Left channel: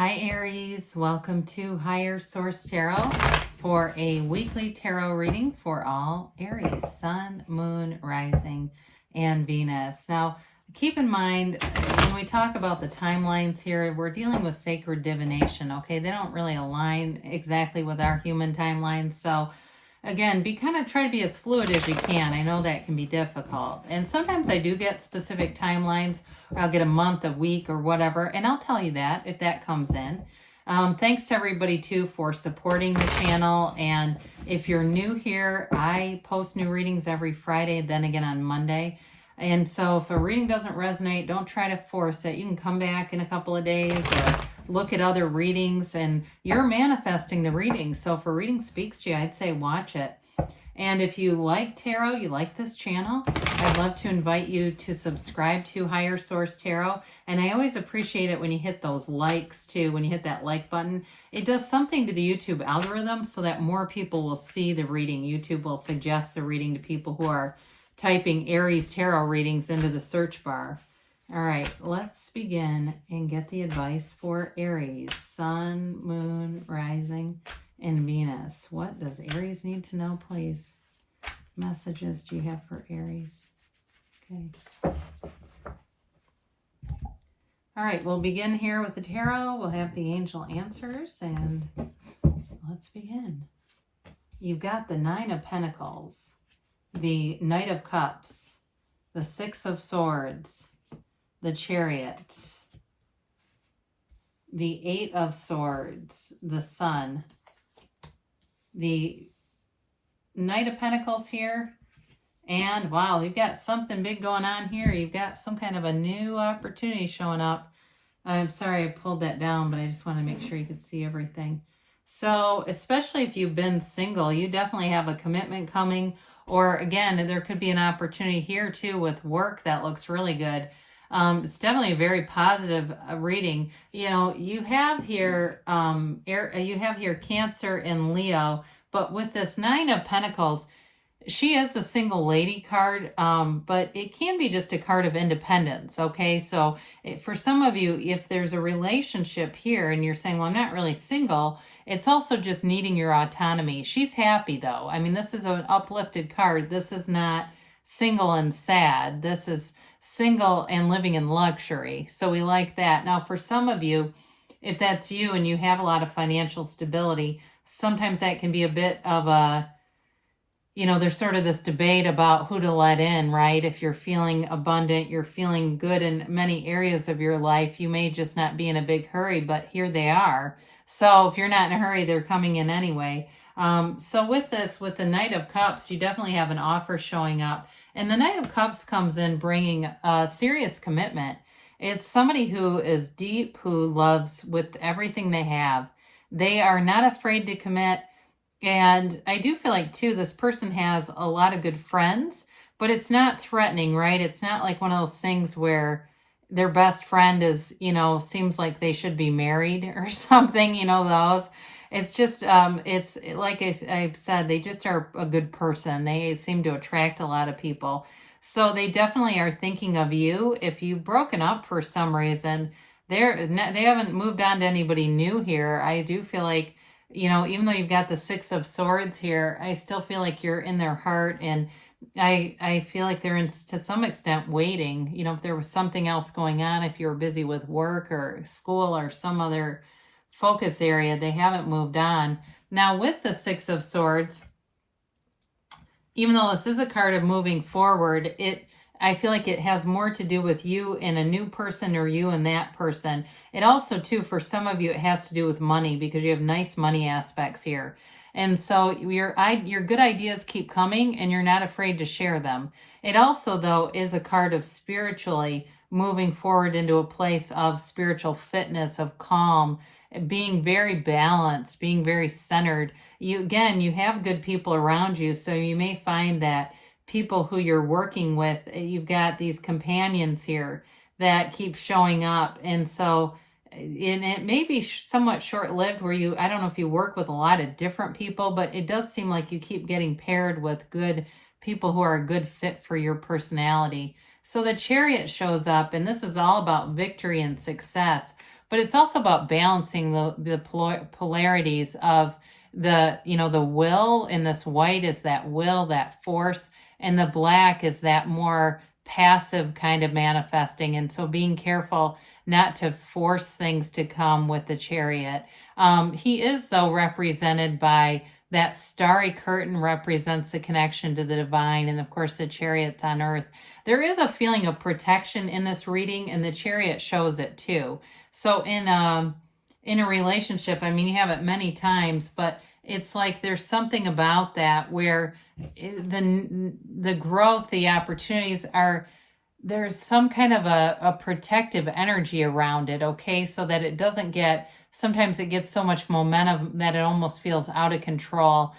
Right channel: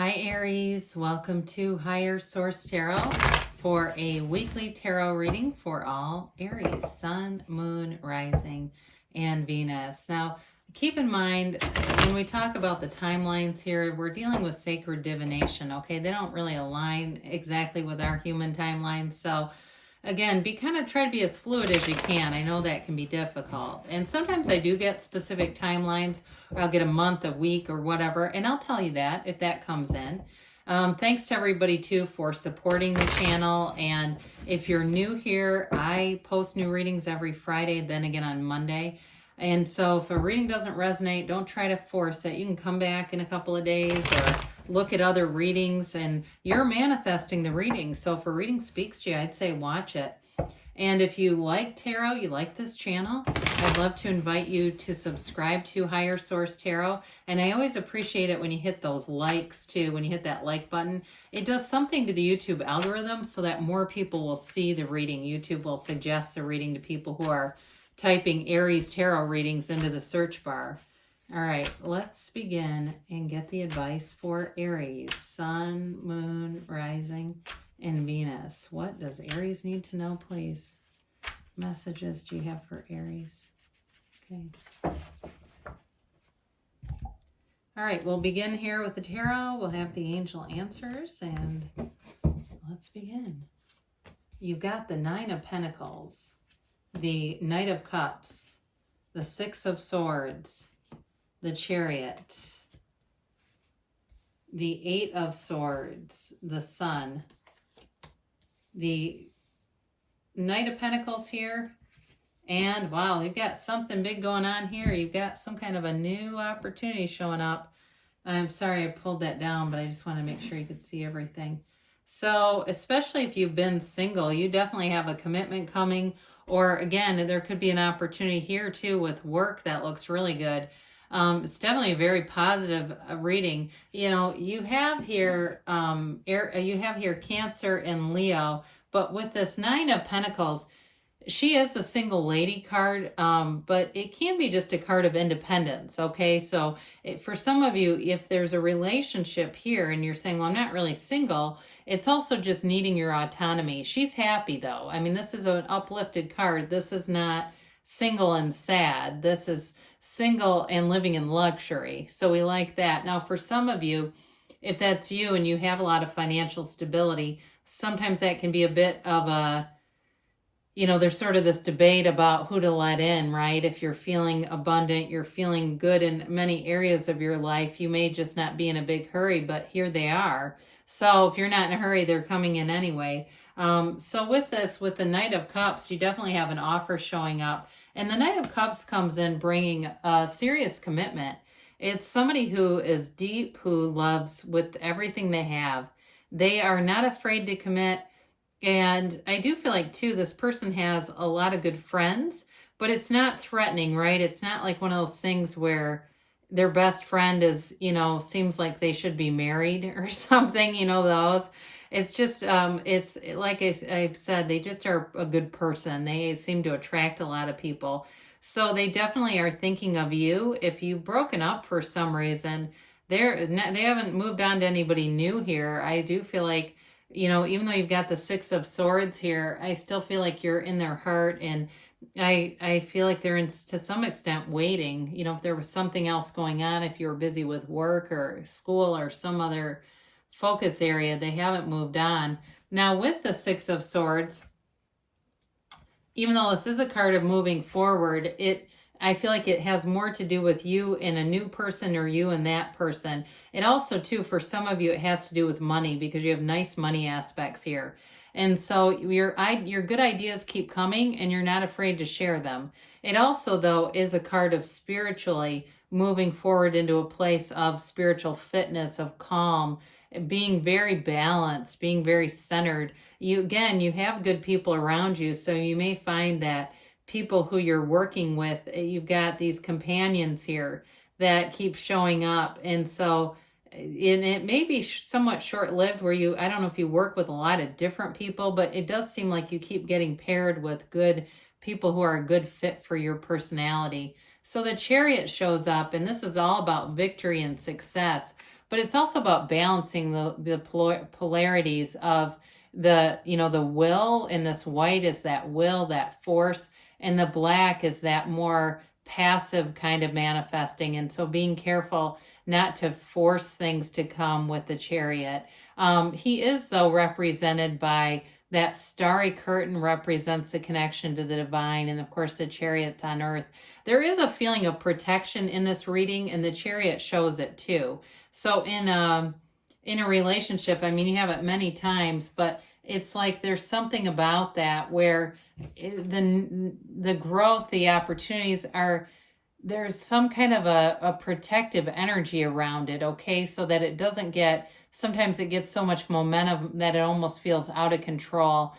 Hi Aries, welcome to Higher Source Tarot for a weekly tarot reading for all Aries, Sun, Moon, Rising, and Venus. Now, keep in mind, when we talk about the timelines here, we're dealing with sacred divination, okay? They don't really align exactly with our human timelines, so again, try to be as fluid as you can. I know that can be difficult. And sometimes I do get specific timelines. I'll get a month, a week, or whatever. And I'll tell you that if that comes in. Thanks to everybody, too, for supporting the channel. And if you're new here, I post new readings every Friday, then again on Monday. And so if a reading doesn't resonate, don't try to force it. You can come back in a couple of days or look at other readings, and you're manifesting the reading. So if a reading speaks to you, I'd say watch it. And if you like tarot, you like this channel, I'd love to invite you to subscribe to Higher Source Tarot. And I always appreciate it when you hit those likes too, when you hit that like button. It does something to the YouTube algorithm so that more people will see the reading. YouTube will suggest the reading to people who are typing Aries tarot readings into the search bar. All right, let's begin and get the advice for Aries, Sun, Moon, Rising, and Venus. What does Aries need to know, please? Messages do you have for Aries? Okay. All right, we'll begin here with the tarot. We'll have the angel answers, and let's begin. You've got the Nine of Pentacles, the Knight of Cups, the Six of Swords, the Chariot, the Eight of Swords, the Sun, the Knight of Pentacles here, and wow, you've got something big going on here. You've got some kind of a new opportunity showing up. I'm sorry I pulled that down, but I just want to make sure you could see everything. So, especially if you've been single, you definitely have a commitment coming, or again, there could be an opportunity here too with work that looks really good. It's definitely a very positive reading. You know, you have here Cancer and Leo, but with this Nine of Pentacles, she is a single lady card, but it can be just a card of independence, okay? So for some of you, if there's a relationship here and you're saying, well, I'm not really single, it's also just needing your autonomy. She's happy, though. I mean, this is an uplifted card. This is not single and sad. This is single and living in luxury. So we like that. Now, for some of you, if that's you and you have a lot of financial stability, sometimes that can be a bit of a, you know, there's sort of this debate about who to let in, right? If you're feeling abundant, you're feeling good in many areas of your life, you may just not be in a big hurry, but here they are. So if you're not in a hurry, they're coming in anyway. So with this, with the Knight of Cups, you definitely have an offer showing up. And the Knight of Cups comes in bringing a serious commitment. It's somebody who is deep, who loves with everything they have. They are not afraid to commit. And I do feel like, too, this person has a lot of good friends, but it's not threatening, right? It's not like one of those things where their best friend is, you know, seems like they should be married or something, you know, those. It's just, it's like I've said, they just are a good person. They seem to attract a lot of people. So they definitely are thinking of you. If you've broken up for some reason, they haven't moved on to anybody new here. I do feel like, you know, even though you've got the Six of Swords here, I still feel like you're in their heart, and I feel like they're to some extent waiting. You know, if there was something else going on, if you were busy with work or school or some other focus area, they haven't moved on. Now with the Six of Swords, even though this is a card of moving forward, I feel like it has more to do with you and a new person or you and that person. It also, too, for some of you, it has to do with money because you have nice money aspects here. And so your good ideas keep coming and you're not afraid to share them. It also, though, is a card of spiritually moving forward into a place of spiritual fitness, of calm, being very balanced, being very centered. You have good people around you, so you may find that people who you're working with, you've got these companions here that keep showing up. And so it may be somewhat short-lived where I don't know if you work with a lot of different people, but it does seem like you keep getting paired with good people who are a good fit for your personality. So the Chariot shows up, and this is all about victory and success. but it's also about balancing the polarities of the, you know, the will. In this white is that will, that force, and the black is that more passive kind of manifesting. And so being careful not to force things to come with the Chariot. He is, though, represented by that starry curtain, represents the connection to the divine, and of course the Chariot's on earth. There is a feeling of protection in this reading, and the Chariot shows it too. So in a relationship, I mean, you have it many times, but it's like there's something about that where the growth, the opportunities are, there's some kind of a protective energy around it, okay? So that it doesn't get, sometimes it gets so much momentum that it almost feels out of control.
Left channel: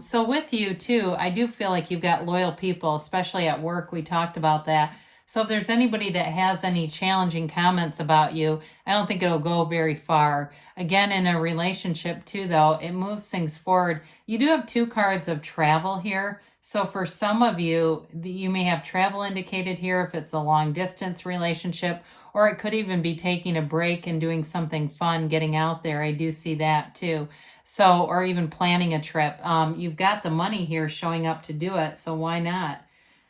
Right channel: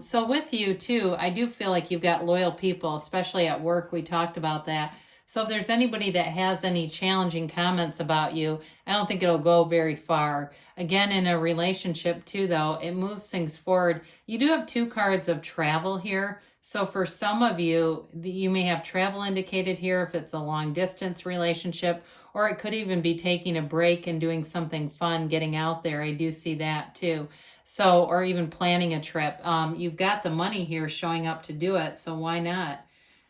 So with you too, I do feel like you've got loyal people, especially at work. We talked about that. So if there's anybody that has any challenging comments about you, I don't think it'll go very far. Again, in a relationship too, though, it moves things forward. You do have 2 cards of travel here. So for some of you, you may have travel indicated here if it's a long distance relationship, or it could even be taking a break and doing something fun, getting out there. I do see that too. So, or even planning a trip. You've got the money here showing up to do it, so why not?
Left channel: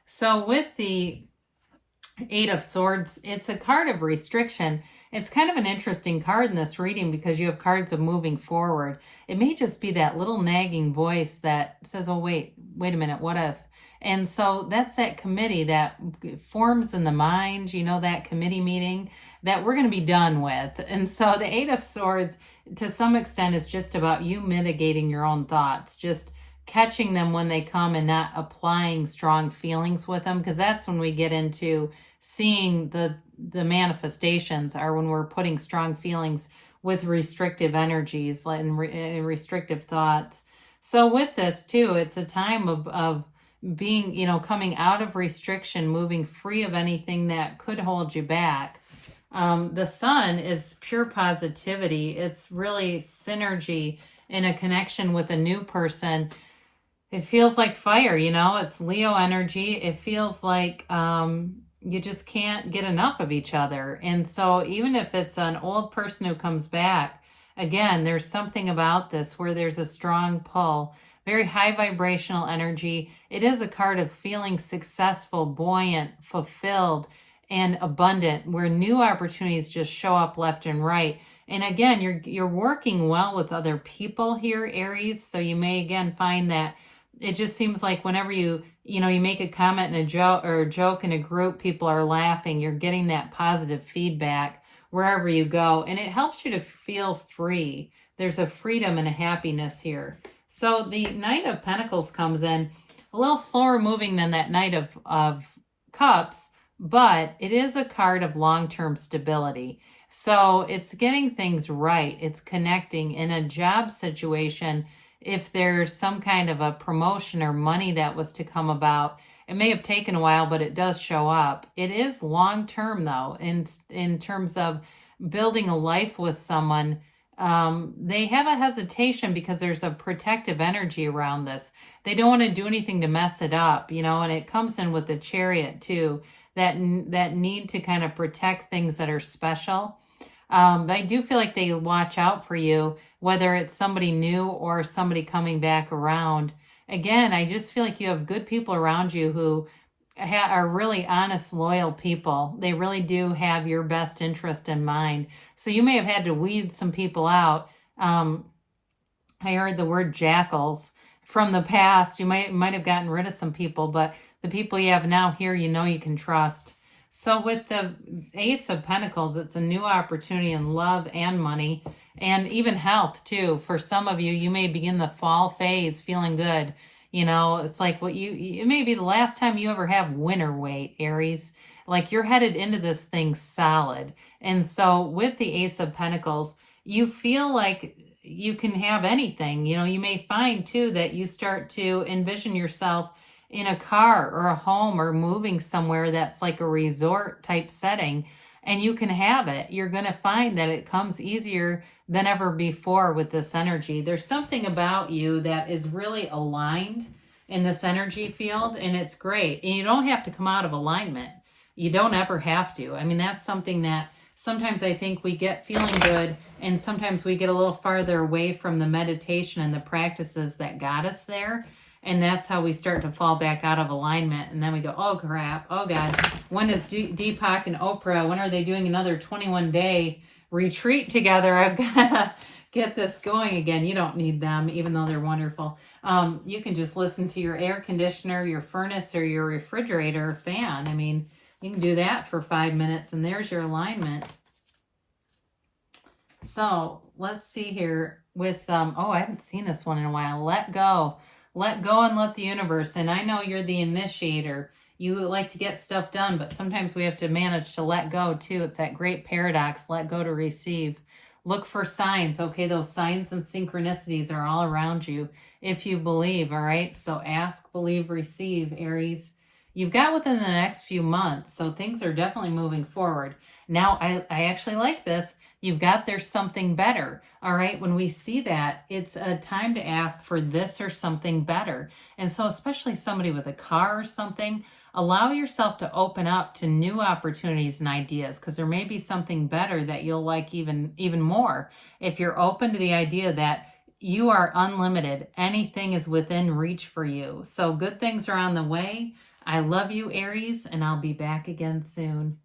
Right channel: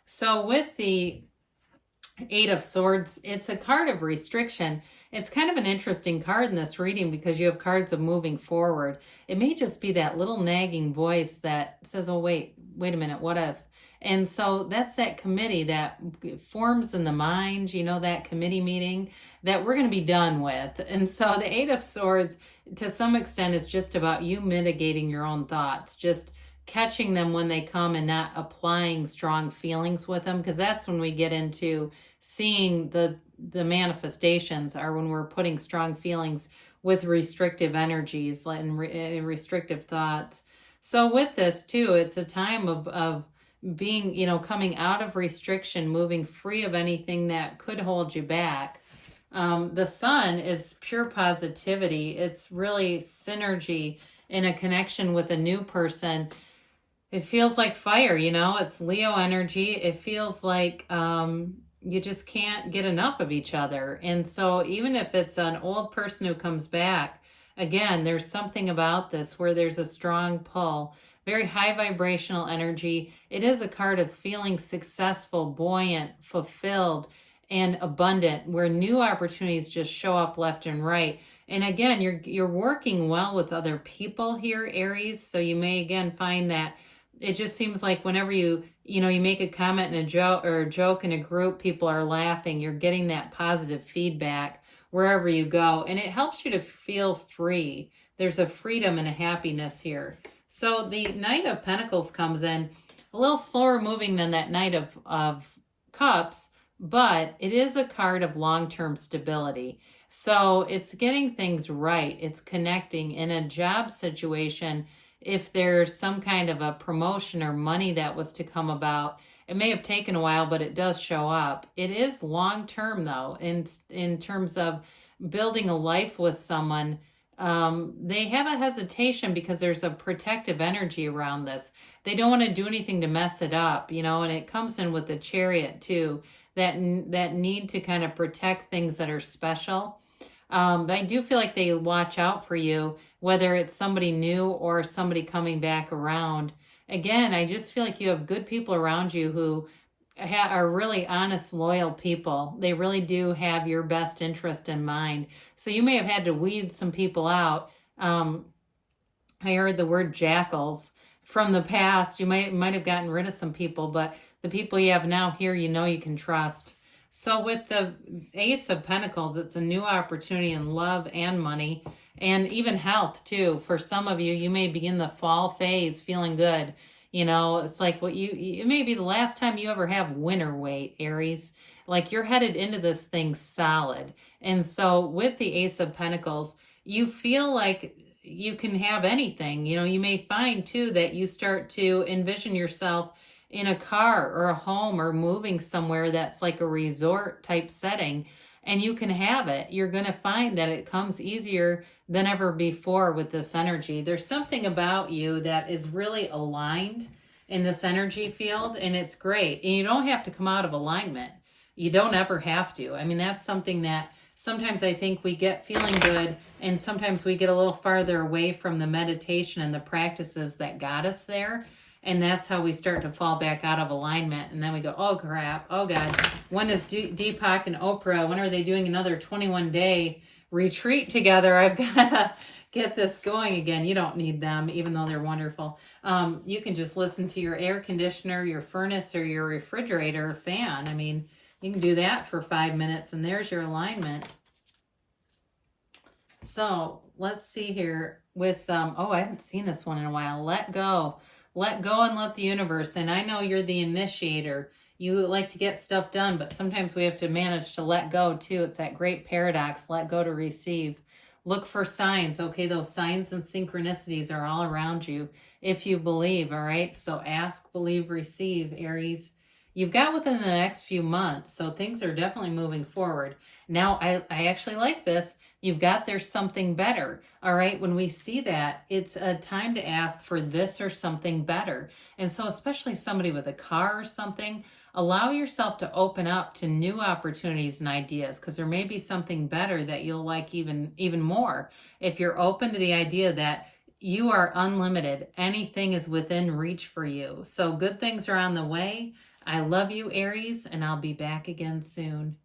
So with the 8 of Swords, it's a card of restriction. It's kind of an interesting card in this reading because you have cards of moving forward. It may just be that little nagging voice that says, oh, wait a minute, what if? And so that's that committee that forms in the mind, you know, that committee meeting that we're going to be done with. And so the 8 of Swords, to some extent, is just about you mitigating your own thoughts, just catching them when they come and not applying strong feelings with them, because that's when we get into seeing the manifestations, are when we're putting strong feelings with restrictive energies and restrictive thoughts. So with this too, it's a time of being, you know, coming out of restriction, moving free of anything that could hold you back. The Sun is pure positivity. It's really synergy in a connection with a new person. It feels like fire, you know, it's Leo energy. It feels like you just can't get enough of each other. And so even if it's an old person who comes back, again, there's something about this where there's a strong pull, very high vibrational energy. It is a card of feeling successful, buoyant, fulfilled, and abundant, where new opportunities just show up left and right. And again, you're working well with other people here, Aries. So you may again find that it just seems like whenever you make a comment in a joke in a group, people are laughing. You're getting that positive feedback wherever you go. And it helps you to feel free. There's a freedom and a happiness here. So the Knight of Pentacles comes in a little slower moving than that Knight of Cups, but it is a card of long-term stability. So it's getting things right. It's connecting in a job situation. If there's some kind of a promotion or money that was to come about, it may have taken a while, but it does show up. It is long-term, though, in terms of building a life with someone. They have a hesitation because there's a protective energy around this. They don't want to do anything to mess it up, you know, and it comes in with the Chariot, too, that need to kind of protect things that are special. I do feel like they watch out for you, whether it's somebody new or somebody coming back around. Again, I just feel like you have good people around you who are really honest, loyal people. They really do have your best interest in mind. So you may have had to weed some people out. I heard the word jackals from the past. You might have gotten rid of some people, but the people you have now here, you know you can trust. So with the Ace of Pentacles, it's a new opportunity in love and money and even health too. For some of you, you may begin the fall phase feeling good. You know, it's like it may be the last time you ever have winter weight, Aries. Like you're headed into this thing solid. And so with the Ace of Pentacles, you feel like you can have anything. You know, you may find too that you start to envision yourself in a car or a home or moving somewhere that's like a resort type setting, and you can have it. You're going to find that it comes easier than ever before with this energy. There's something about you that is really aligned in this energy field, and it's great. And you don't have to come out of alignment. You don't ever have to. I mean, that's something that sometimes I think we get feeling good, and sometimes we get a little farther away from the meditation and the practices that got us there. And that's how we start to fall back out of alignment. And then we go, oh crap, oh God, when is Deepak and Oprah, when are they doing another 21-day retreat together? I've got to get this going again. You don't need them, even though they're wonderful. You can just listen to your air conditioner, your furnace, or your refrigerator or fan. I mean, you can do that for 5 minutes, and there's your alignment. So let's see here with, oh, I haven't seen this one in a while. Let go. Let go and let the universe. And I know you're the initiator. You like to get stuff done, but sometimes we have to manage to let go too. It's that great paradox, let go to receive. Look for signs. Okay, those signs and synchronicities are all around you if you believe, all right? So ask, believe, receive, Aries. You've got within the next few months, so things are definitely moving forward. Now, I actually like this. You've got there's something better, all right? When we see that, it's a time to ask for this or something better. And so especially somebody with a car or something, allow yourself to open up to new opportunities and ideas, because there may be something better that you'll like even more. If you're open to the idea that you are unlimited, anything is within reach for you. So good things are on the way. I love you, Aries, and I'll be back again soon.